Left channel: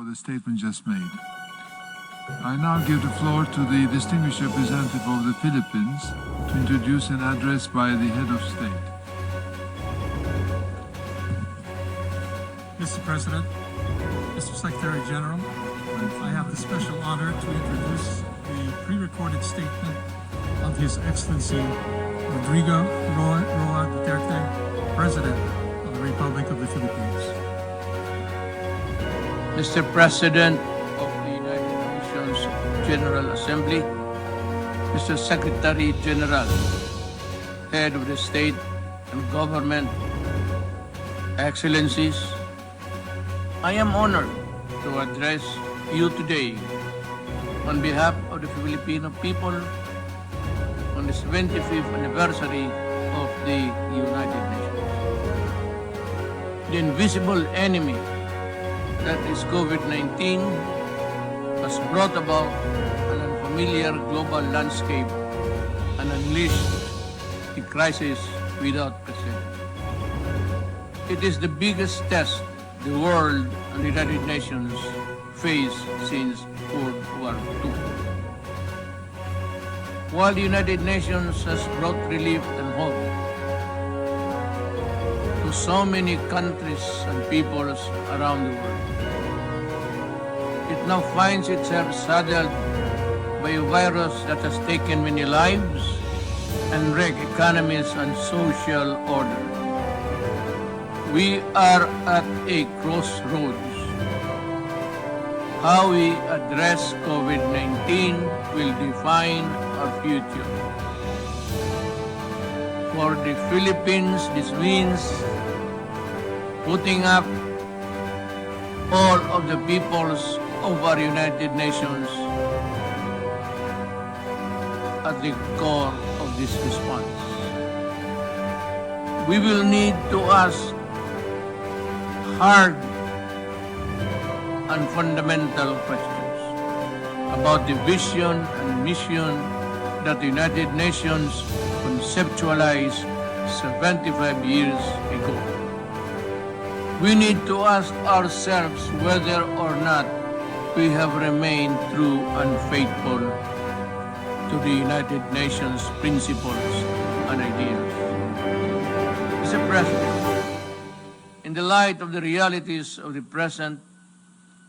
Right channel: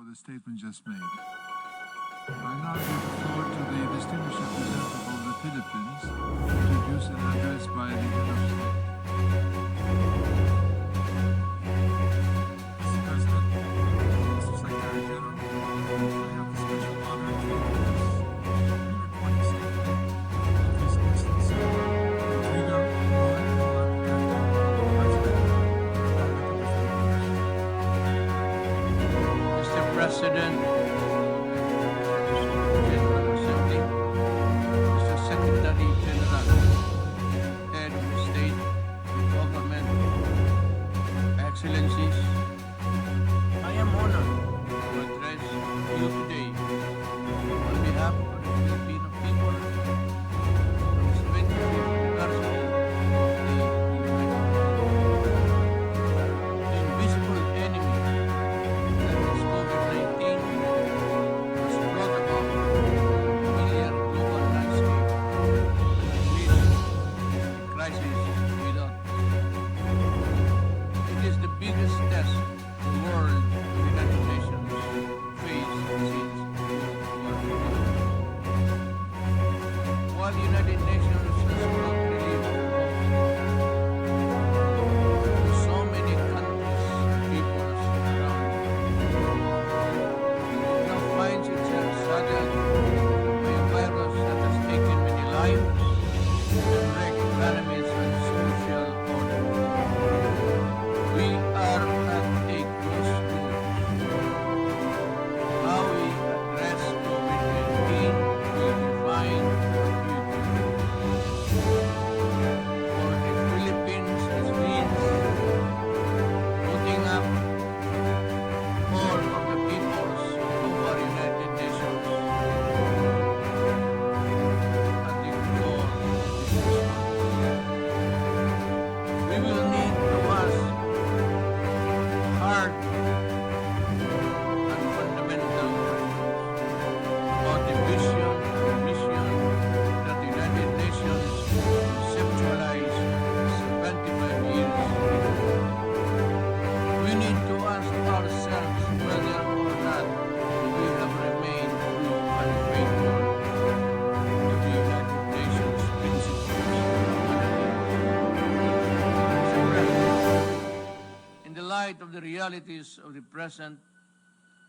for the statement just made. I now give the floor to the distinguished representative of the Philippines to introduce an address by the head of state. Mr. President, Mr. Secretary General, I have the special honor to introduce the pre-recorded statement of His Excellency Rodrigo Roa Duterte, President of the Republic of the Philippines. Mr. President of the UnitedNations General Assembly, Mr. Secretary General, Head of the State and Government, Excellencies, I am honored to address you today on behalf of the Filipino people on the 75th anniversary of the United Nations. The invisible enemy that is COVID-19 has brought about an unfamiliar global landscape and unleashed a crisis without precedent. It is the biggest test the world and the United Nations face since World War II. While the United Nations has brought relief and hope to so many countries and peoples around the world, it now finds itself saddled by a virus that has taken many lives and wrecked economies and social order. We are at a crossroads. How we address COVID-19 will define our future. For the Philippines, this means putting up all of the peoples of our United Nations at the core of this response. We will need to ask hard and fundamental questions about the vision and mission that the United Nations conceptualized 75 years ago. We need to ask ourselves whether or not we have remained true and faithful to the United Nations principles and ideas. Mr. President, in the light of the realities of the present,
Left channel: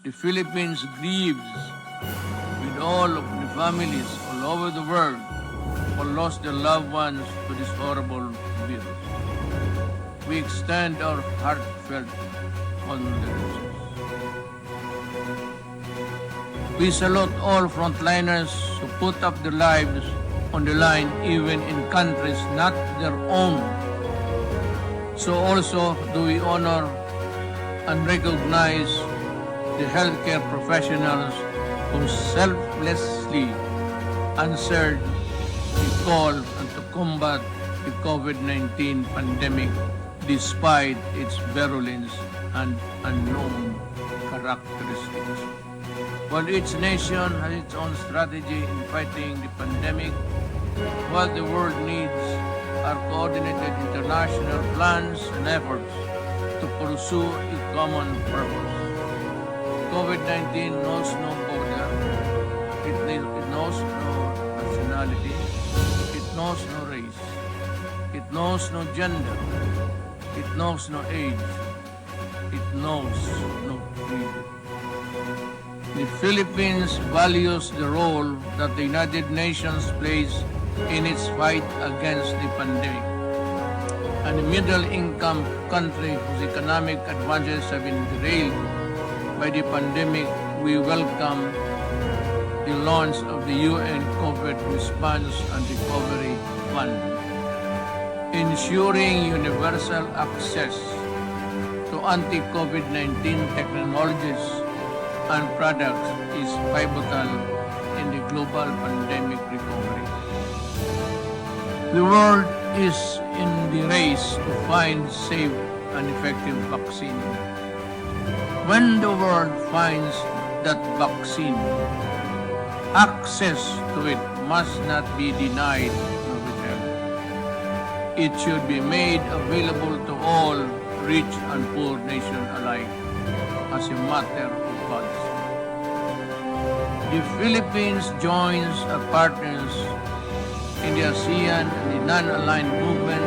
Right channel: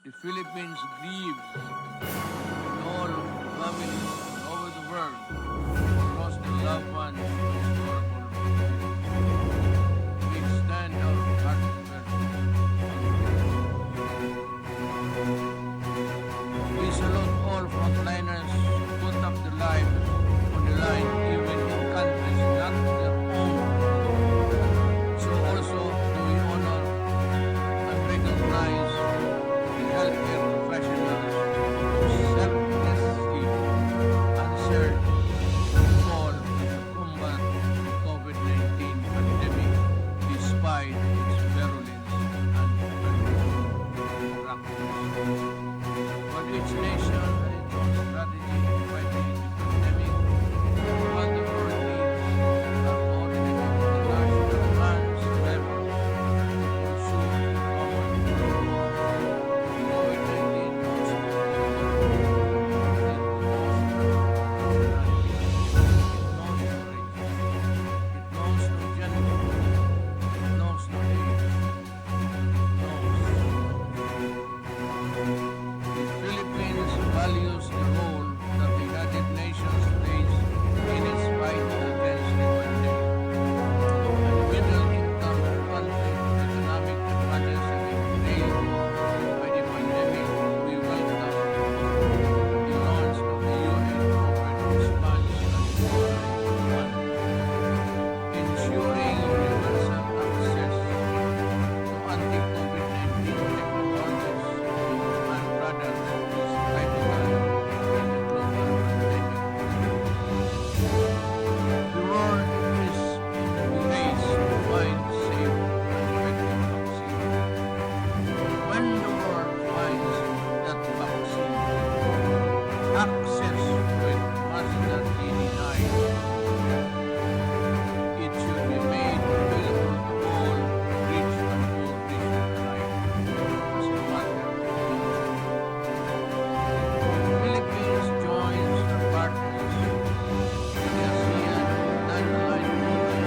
the Philippines grieves with all of the families all over the world who lost their loved ones to this horrible virus. We extend our heartfelt condolences. We salute all frontliners who put up their lives on the line even in countries not their own. So also do we honor and recognize the healthcare professionals who selflessly answered the call to combat the COVID-19 pandemic despite its virulence and unknown characteristics. While each nation has its own strategy in fighting the pandemic, what the world needs are coordinated international plans and efforts to pursue a common purpose. COVID-19 knows no border, it knows no nationality, it knows no race, it knows no gender, it knows no age, it knows no creed. The Philippines values the role that the United Nations plays in its fight against the pandemic. And the middle-income country whose economic advantages have been derailed by the pandemic, we welcome the launch of the UN COVID Response and Recovery Fund. Ensuring universal access to anti-COVID-19 technologies and products is pivotal in the global pandemic recovery. The world is in the race to find safe and effective vaccine. When the world finds that vaccine, access to it must not be denied arbitrarily. It should be made available to all rich and poor nations alike as a matter of policy. The Philippines joins our partners in the ASEAN and the non-aligned movement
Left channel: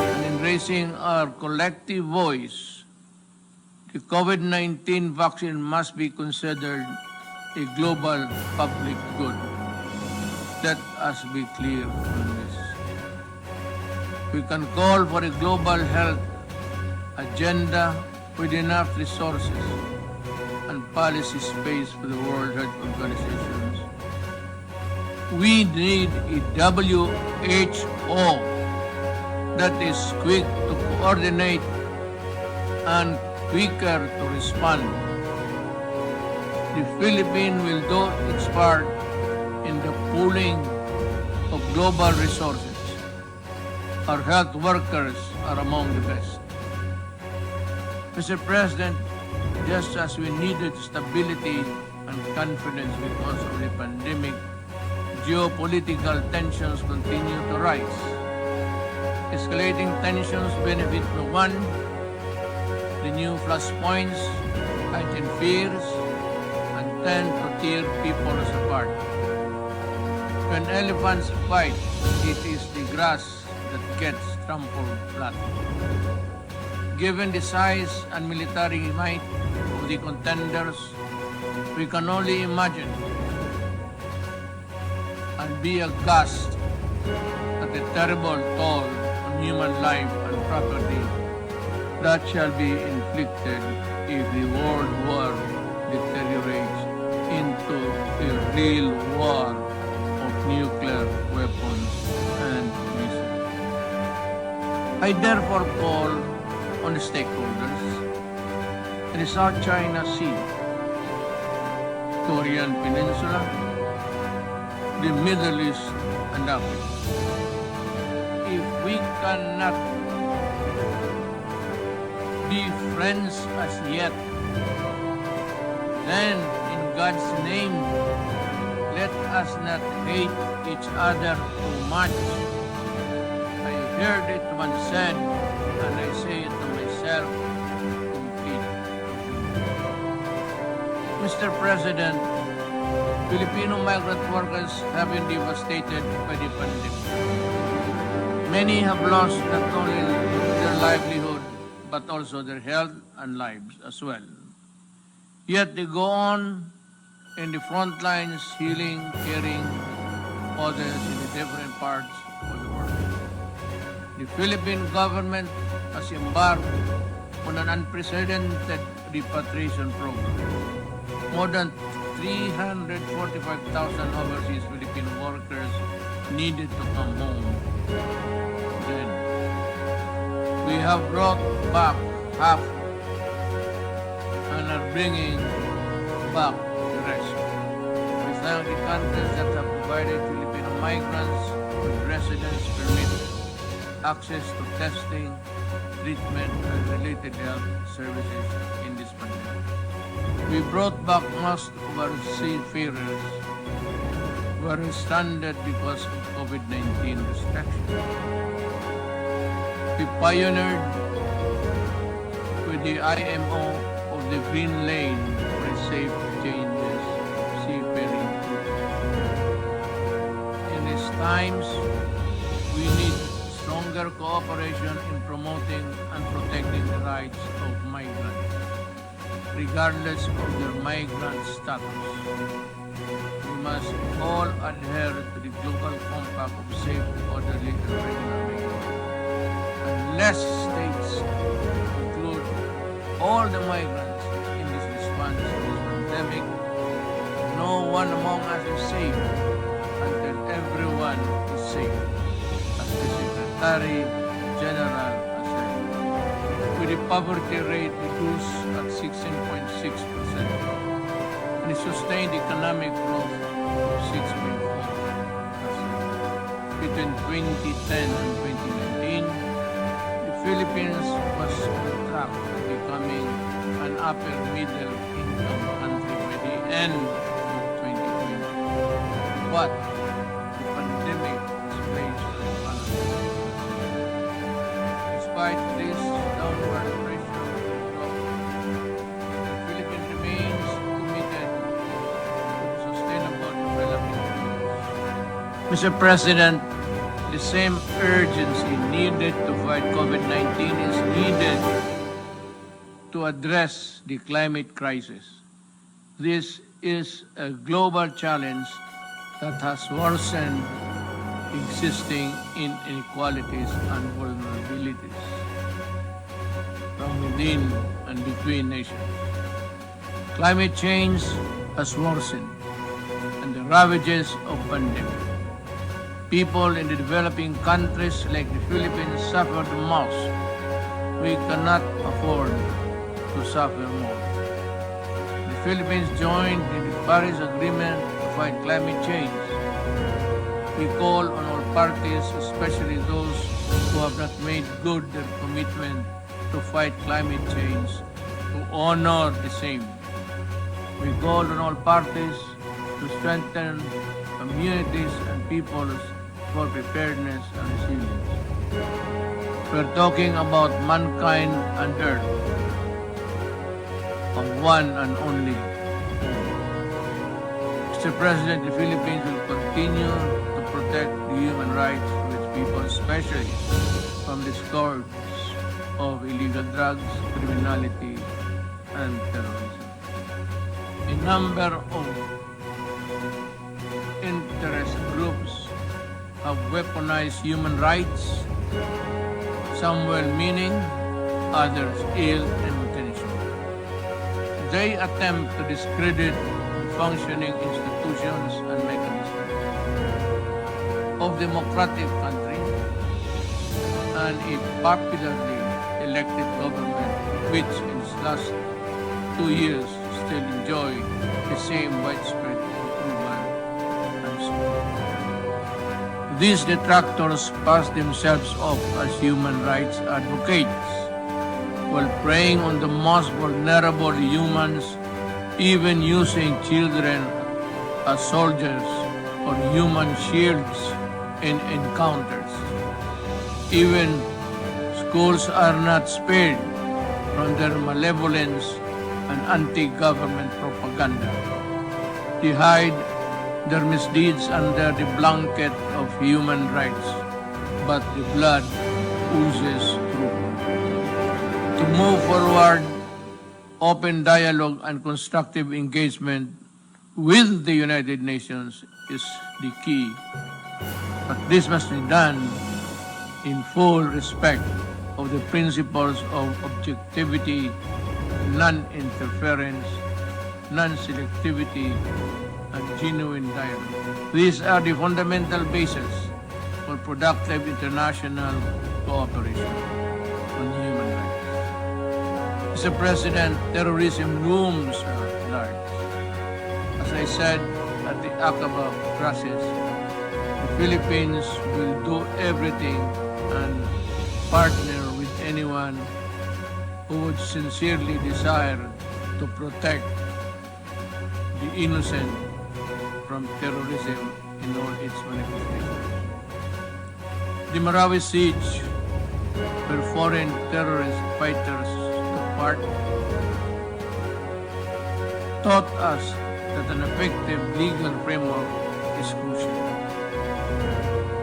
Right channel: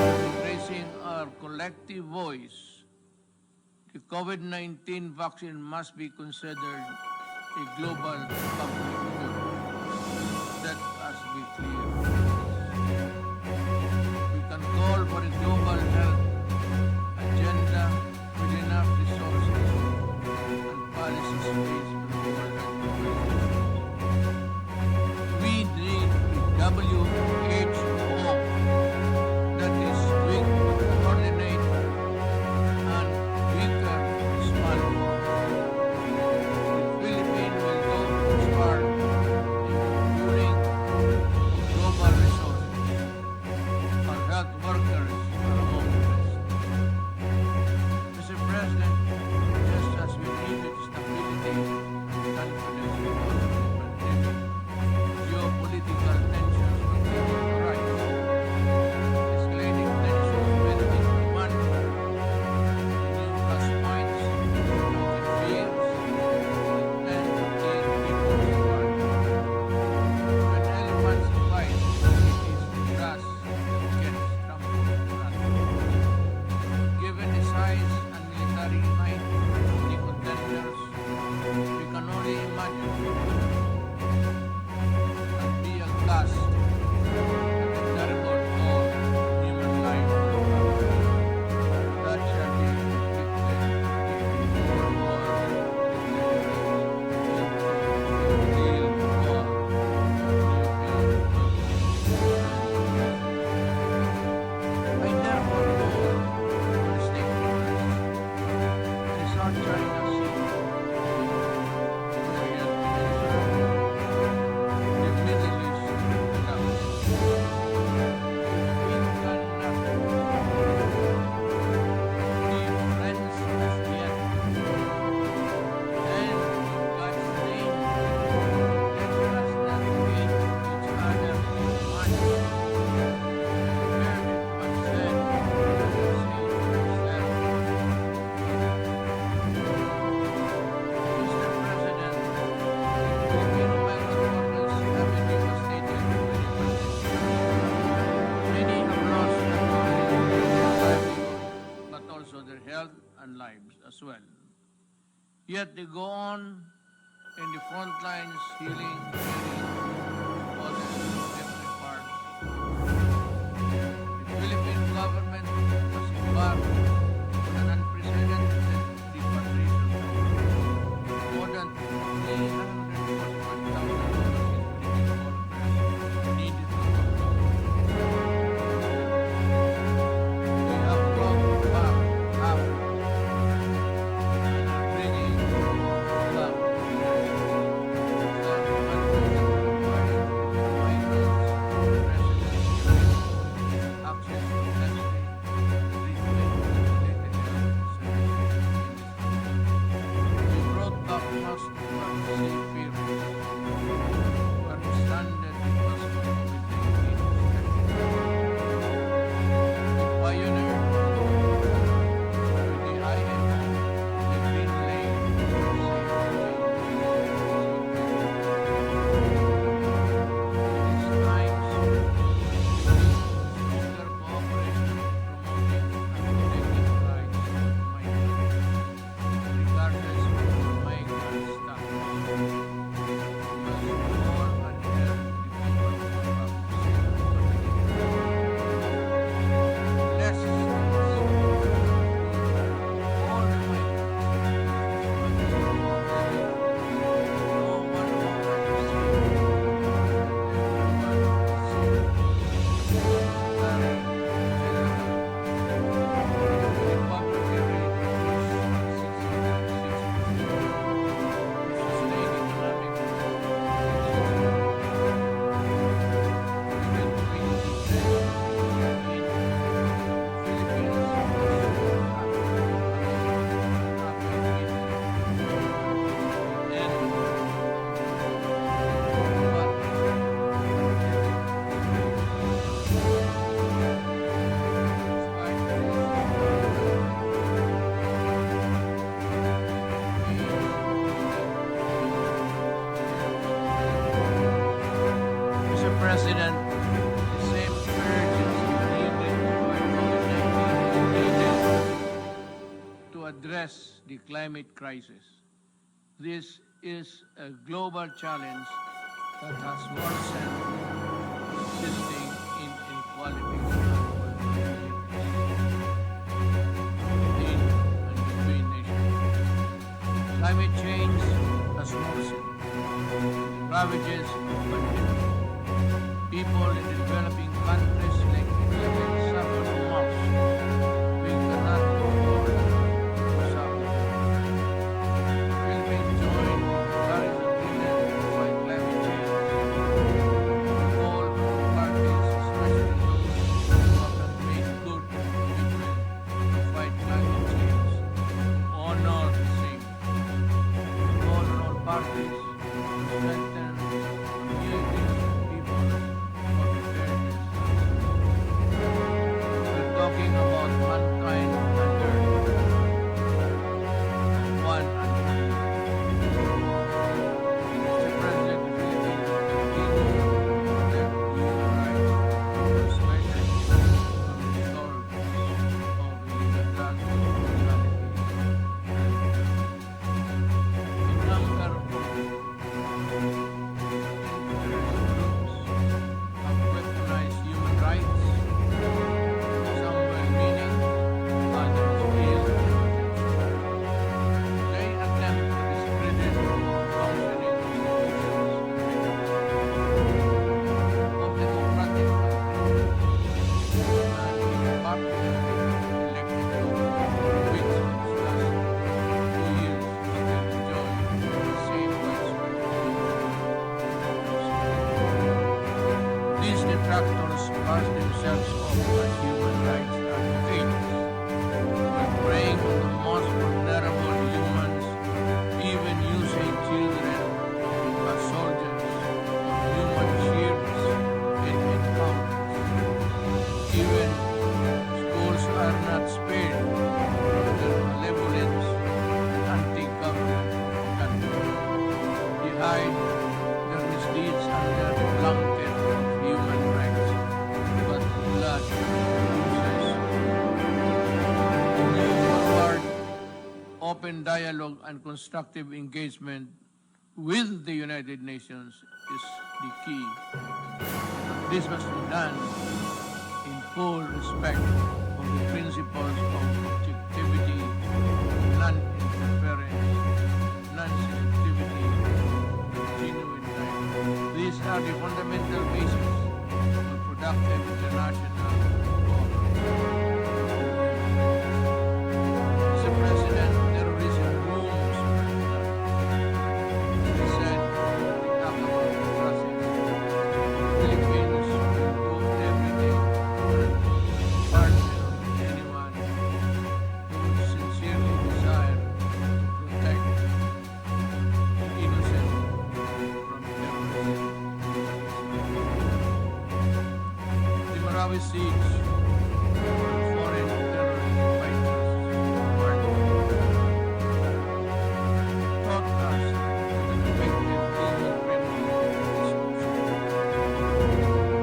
and in raising our collective voice. The COVID-19 vaccine must be considered a global public good. Let us be clear on this. We can call for a global health agenda with enough resources and policy space for the World Health Organizations. We need a WHO that is quick to coordinate and quicker to respond. The Philippines will do its part in the pooling of global resources. Our health workers are among the best. Mr. President, just as we needed stability and confidence because of the pandemic, geopolitical tensions continue to rise. Escalating tensions benefit no one. The new flashpoints heighten fears and tend to tear people apart. When elephants fight, it is the grass that gets trampled flat. Given the size and military might of the contenders, we can only imagine and be aghast at the terrible toll on human life and property that shall be inflicted if the world war deteriorates into a real war of nuclear weapons and missiles. I therefore call on the stakeholders in the South China Sea, Korean Peninsula, the Middle East, and Africa. If we cannot be friends as yet, then in God's name, let us not hate each other too much. I heard it once said, and I say it to myself, Mr. President, Filipino migrant workers have been devastated by the pandemic. Many have lost not only their livelihood, but also their health and lives as well. Yet they go on in the front lines, healing, caring others in the different parts of the world. The Philippine government has embarked on an unprecedented repatriation program. More than 345,000 overseas Filipino workers needed to come home. And we have brought back half and are bringing back the rest. We thank the countries that have provided Filipino migrants with residence permit, access to testing, treatment, and related health services in this pandemic. We brought back most of our seafarers who are stranded because of COVID-19 restrictions. We pioneered with the IMO of the Green Lane for a safe changes seafaring. In these times, we need stronger cooperation in promoting and protecting the rights of migrants, regardless of their migrant status. We must all adhere to the global compact of safe, orderly, and regular migration. Unless states include all the migrants in this response to this pandemic, no one among us is safe until everyone is safe, as the Secretary General has said. With the poverty rate reduced at 16.6% and the sustained economic growth of 6.4%. Between 2010 and 2019, the Philippines was on track to becoming an upper middle income country by the end of 2020. But the pandemic has raised our economy. Despite this downward pressure, the Philippines remains committed to Mr. President, the same urgency needed to fight COVID-19 is needed to address the climate crisis. This is a global challenge that has worsened existing inequalities and vulnerabilities from within and between nations. Climate change has worsened, and the ravages of pandemic. People in the developing countries like the Philippines suffer the most. We cannot afford to suffer more. The Philippines joined in the Paris Agreement to fight climate change. We call on all parties, especially those who have not made good their commitment to fight climate change, to honor the same. We call on all parties to strengthen communities and peoples for preparedness and resilience. We're talking about mankind and Earth, of one and only. Mr. President, the Philippines will continue to protect the human rights of its people, especially from the scourge of illegal drugs, criminality, and terrorism. A number of interest groups have weaponized human rights, some well-meaning, others ill-intentioned. They attempt to discredit the functioning institutions and mechanisms of democratic countries and a popularly elected government which in its last 2 years still enjoy the same widespread approval and support. These detractors pass themselves off as human rights advocates while preying on the most vulnerable humans, even using children as soldiers on human shields in encounters. Even schools are not spared from their malevolence and anti-government propaganda. They hide their misdeeds under the blanket of human rights, but the blood oozes through. To move forward, open dialogue and constructive engagement with the United Nations is the key. But this must be done in full respect of the principles of objectivity, non-interference, non-selectivity, and genuine dialogue. These are the fundamental basis for productive international cooperation on human rights. Mr. President, terrorism looms large. As I said at the Aqaba process, the Philippines will do everything and partner with anyone who would sincerely desire to protect the innocent from terrorism in all its manifestations. The Marawi siege, where foreign terrorist fighters took part, taught us that an effective legal framework is crucial.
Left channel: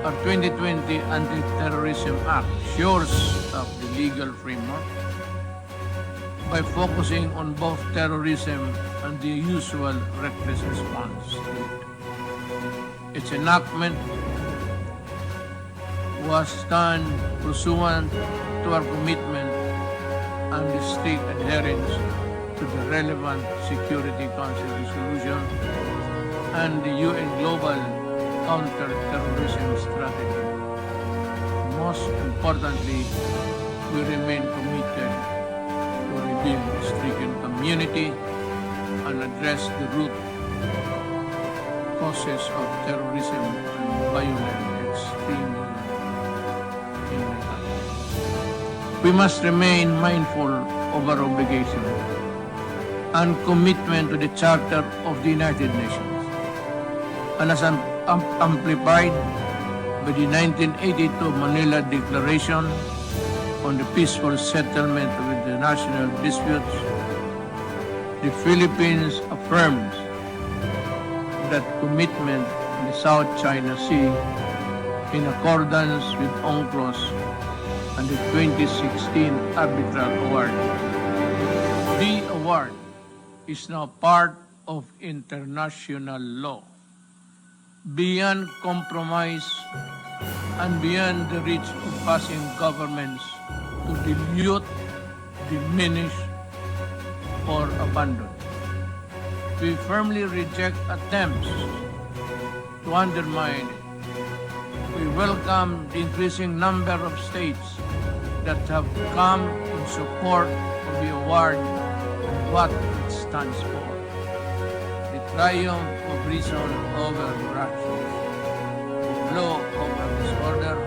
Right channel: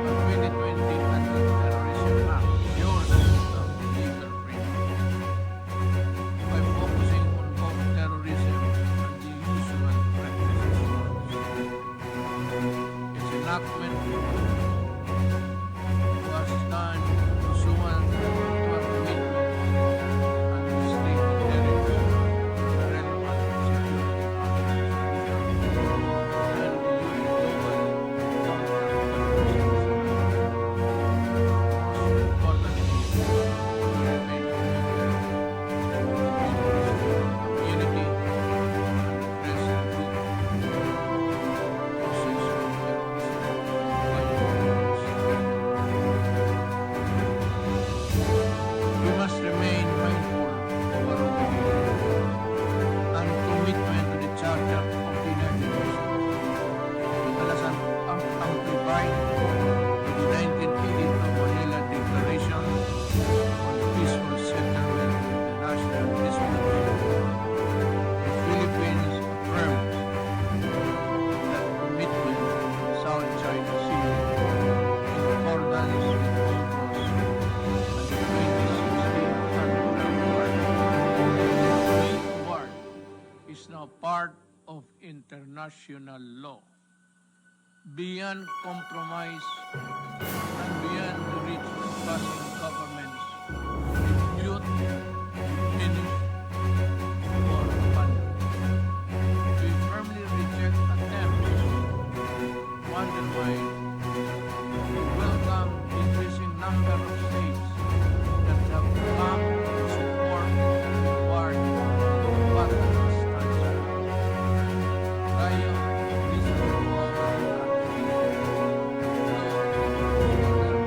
Our 2020 Anti-Terrorism Act shores up the legal framework by focusing on both terrorism and the usual reckless response. Its enactment was done pursuant to our commitment and the strict adherence to the relevant Security Council resolution and the UN Global Counter-Terrorism Strategy. Most importantly, we remain committed to rebuild the stricken community and address the root causes of terrorism and violent extremism in the country. We must remain mindful of our obligation and commitment to the Charter of the United Nations, and as amplified by the 1982 Manila Declaration on the peaceful settlement with the national disputes, the Philippines affirms that commitment in the South China Sea in accordance with UNCLOS and the 2016 Arbitral Award. The award is now part of international law, beyond compromise and beyond the reach of passing governments to dilute, diminish, or abandon. We firmly reject attempts to undermine it. We welcome the increasing number of states that have come in support of the award and what it stands for. The triumph of reason over ration, law over disorder,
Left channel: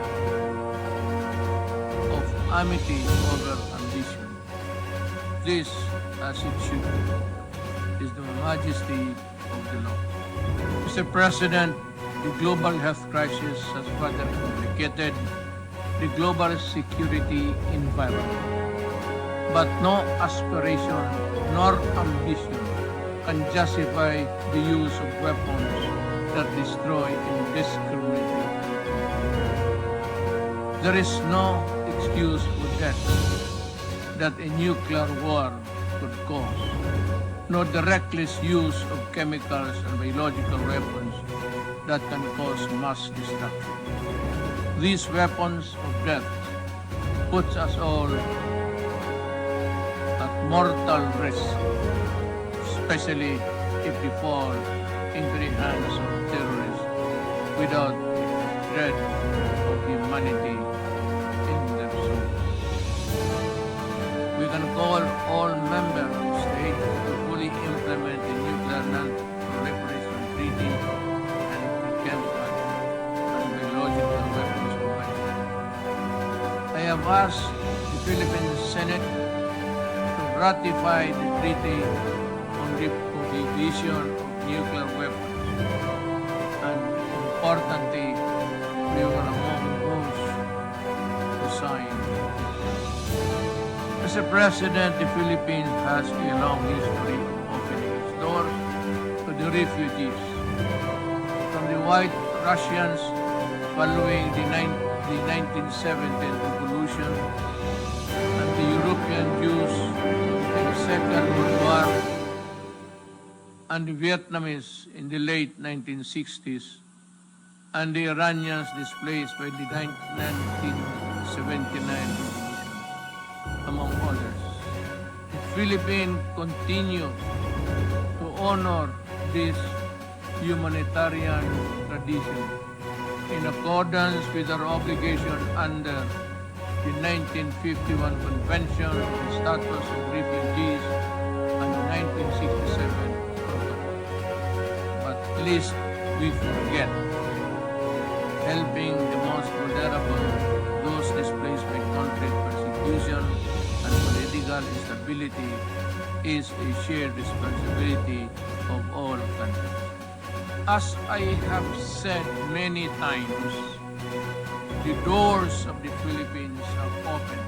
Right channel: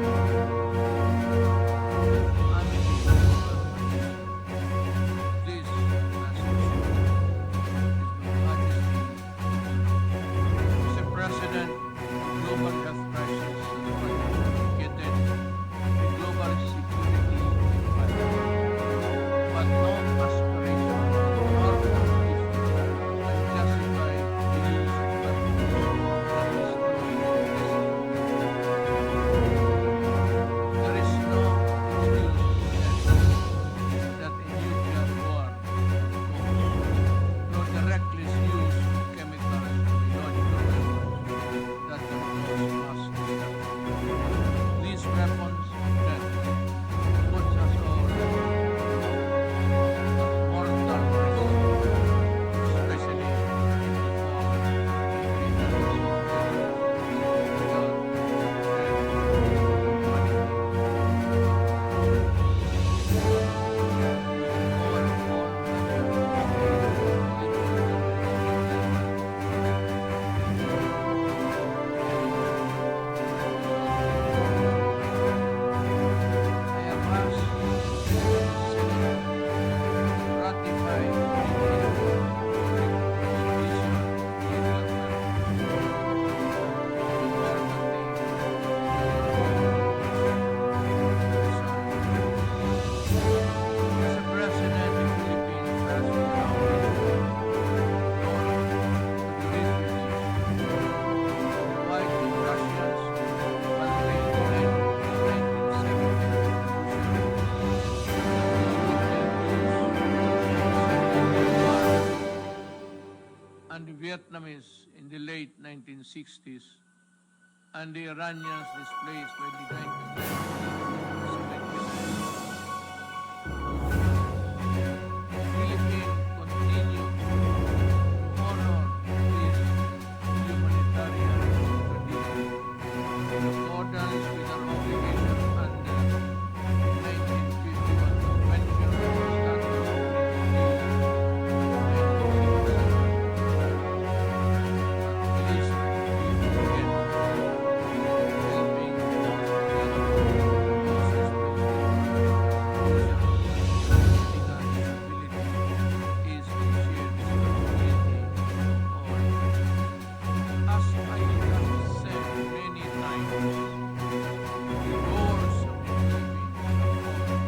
of amity over ambition. This, as it should, is the majesty of the law. Mr. President, the global health crisis has further complicated the global security environment. But no aspiration nor ambition can justify the use of weapons that destroy indiscriminately. There is no excuse for death that a nuclear war could cause, nor the reckless use of chemicals and biological weapons that can cause mass destruction. These weapons of death put us all at mortal risk, especially if they fall into the hands of terrorists without dread of humanity in their souls. We can call all member states to fully implement the nuclear non-proliferation treaty and chemical and biological weapons convention. I have asked the Philippines Senate to ratify the treaty on the prohibition of nuclear weapons, and importantly, we were among those who signed. Mr. President, the Philippines has a long history of opening its door to the refugees, from the White Russians following the 1917 revolution, and the European Jews in the Second World War, and the Vietnamese in the late 1960s, and the Iranians displaced by the 1979 revolution, among others. The Philippines continue to honor this humanitarian tradition in accordance with our obligation under the 1951 Convention on the Status of Refugees and the 1967 Protocol. But least we forget helping the most vulnerable, those displaced by conflict, persecution, and political instability is a shared responsibility of all countries. As I have said many times, the doors of the Philippines are open,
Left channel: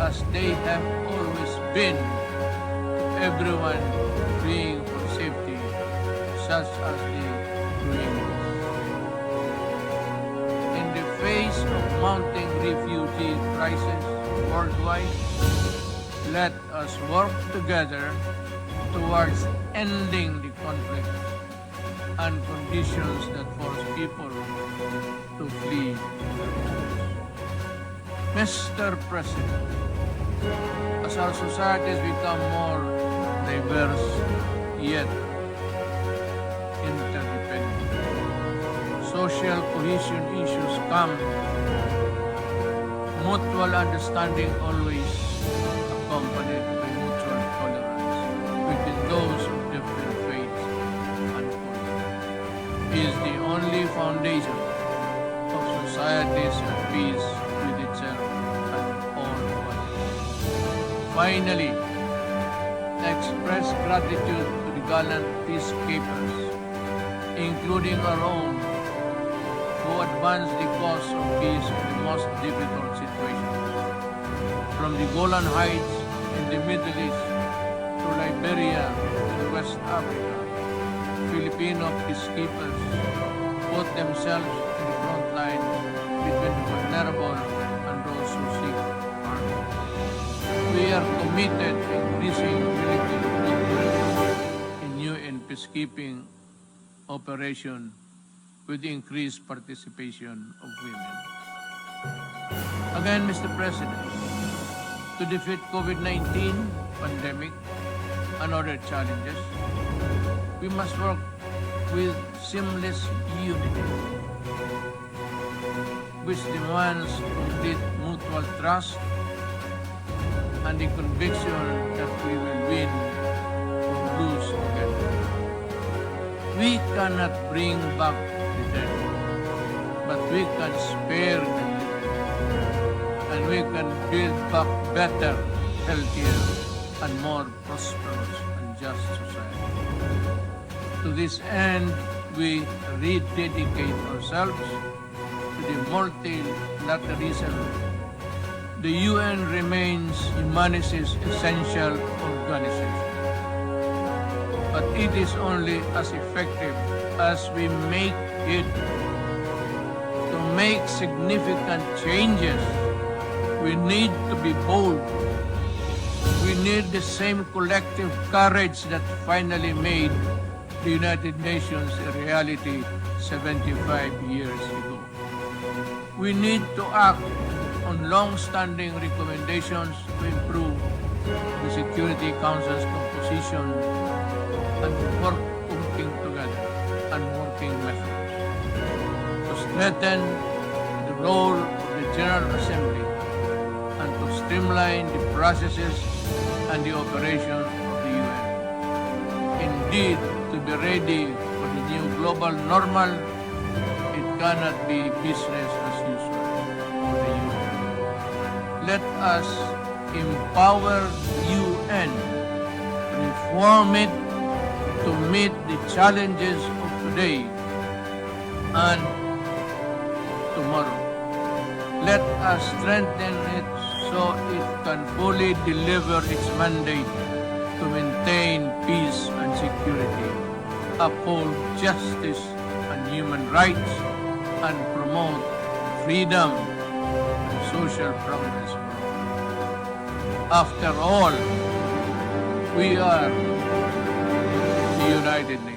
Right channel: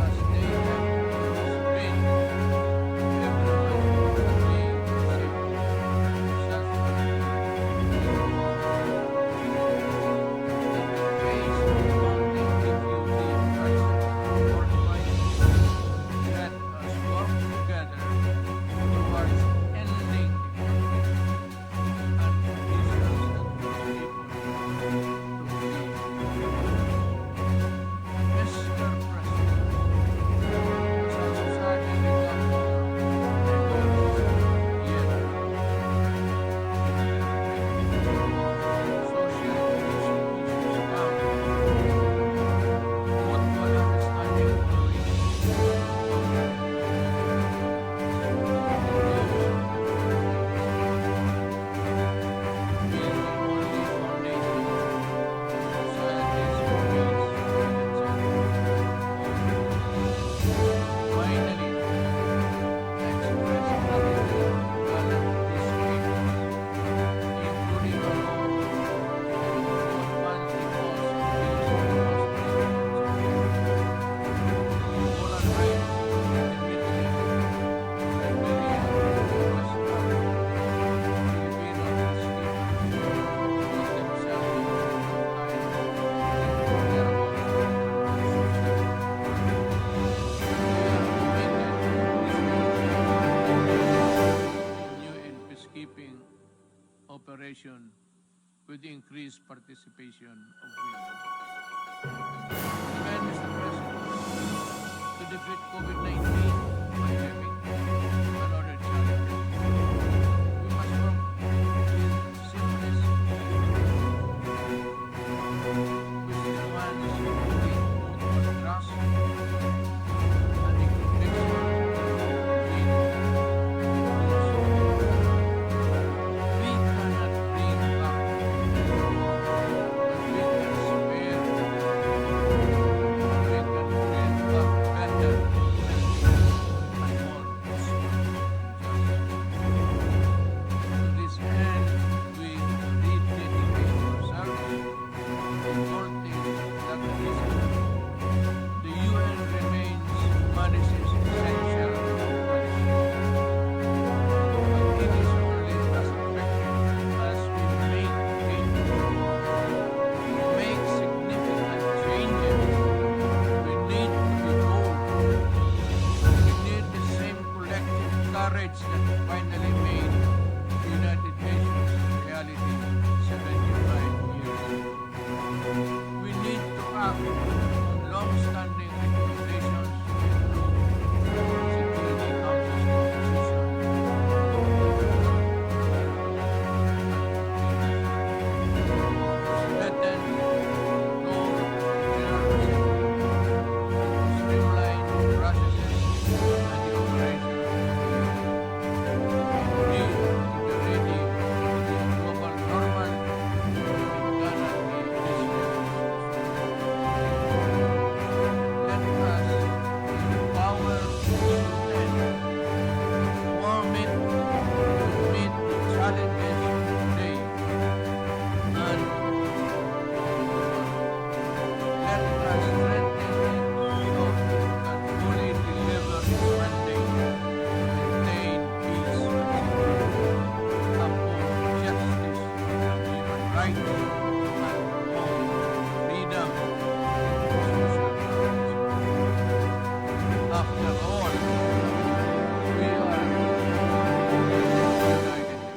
as they have always been, to everyone praying for safety, such as the Rohingyas. In the face of mounting refugee crisis worldwide, let us work together towards ending the conflict and conditions that force people to flee. Mr. President, as our societies become more diverse yet interdependent, social cohesion issues come, mutual understanding always accompanied by mutual tolerance within those of different faiths and cultures is the only foundation of societies of peace with each other and all others. Finally, I express gratitude to the gallant peacekeepers, including our own, who advance the cause of peace in the most difficult situations. From the Golan Heights in the Middle East to Liberia in West Africa, Filipino peacekeepers ourselves on the front line between the vulnerable and those who seek harm. We are committed to increasing Philippine victories in UN peacekeeping operation with increased participation of women. Again, Mr. President, to defeat COVID-19 pandemic and other challenges, we must work with seamless unity, which demands complete mutual trust and the conviction that we will win or lose together. We cannot bring back the dead, but we can spare the dead, and we can build back better, healthier, and more prosperous and just society. To this end, we rededicate ourselves to the multilateralism. The UN remains humanity's essential organization, but it is only as effective as we make it. To make significant changes, we need to be bold. We need the same collective courage that finally made the United Nations a reality 75 years ago. We need to act on long-standing recommendations to improve the Security Council's composition and to work working together and working methods to strengthen the role of the General Assembly and to streamline the processes and the operation of the UN. Indeed, to be ready for the new global normal, it cannot be business as usual. Let us empower UN, reform it to meet the challenges of today and tomorrow. Let us strengthen it so it can fully deliver its mandate to maintain peace and security, uphold justice and human rights, and promote freedom and social progress. After all, we are the United Nations.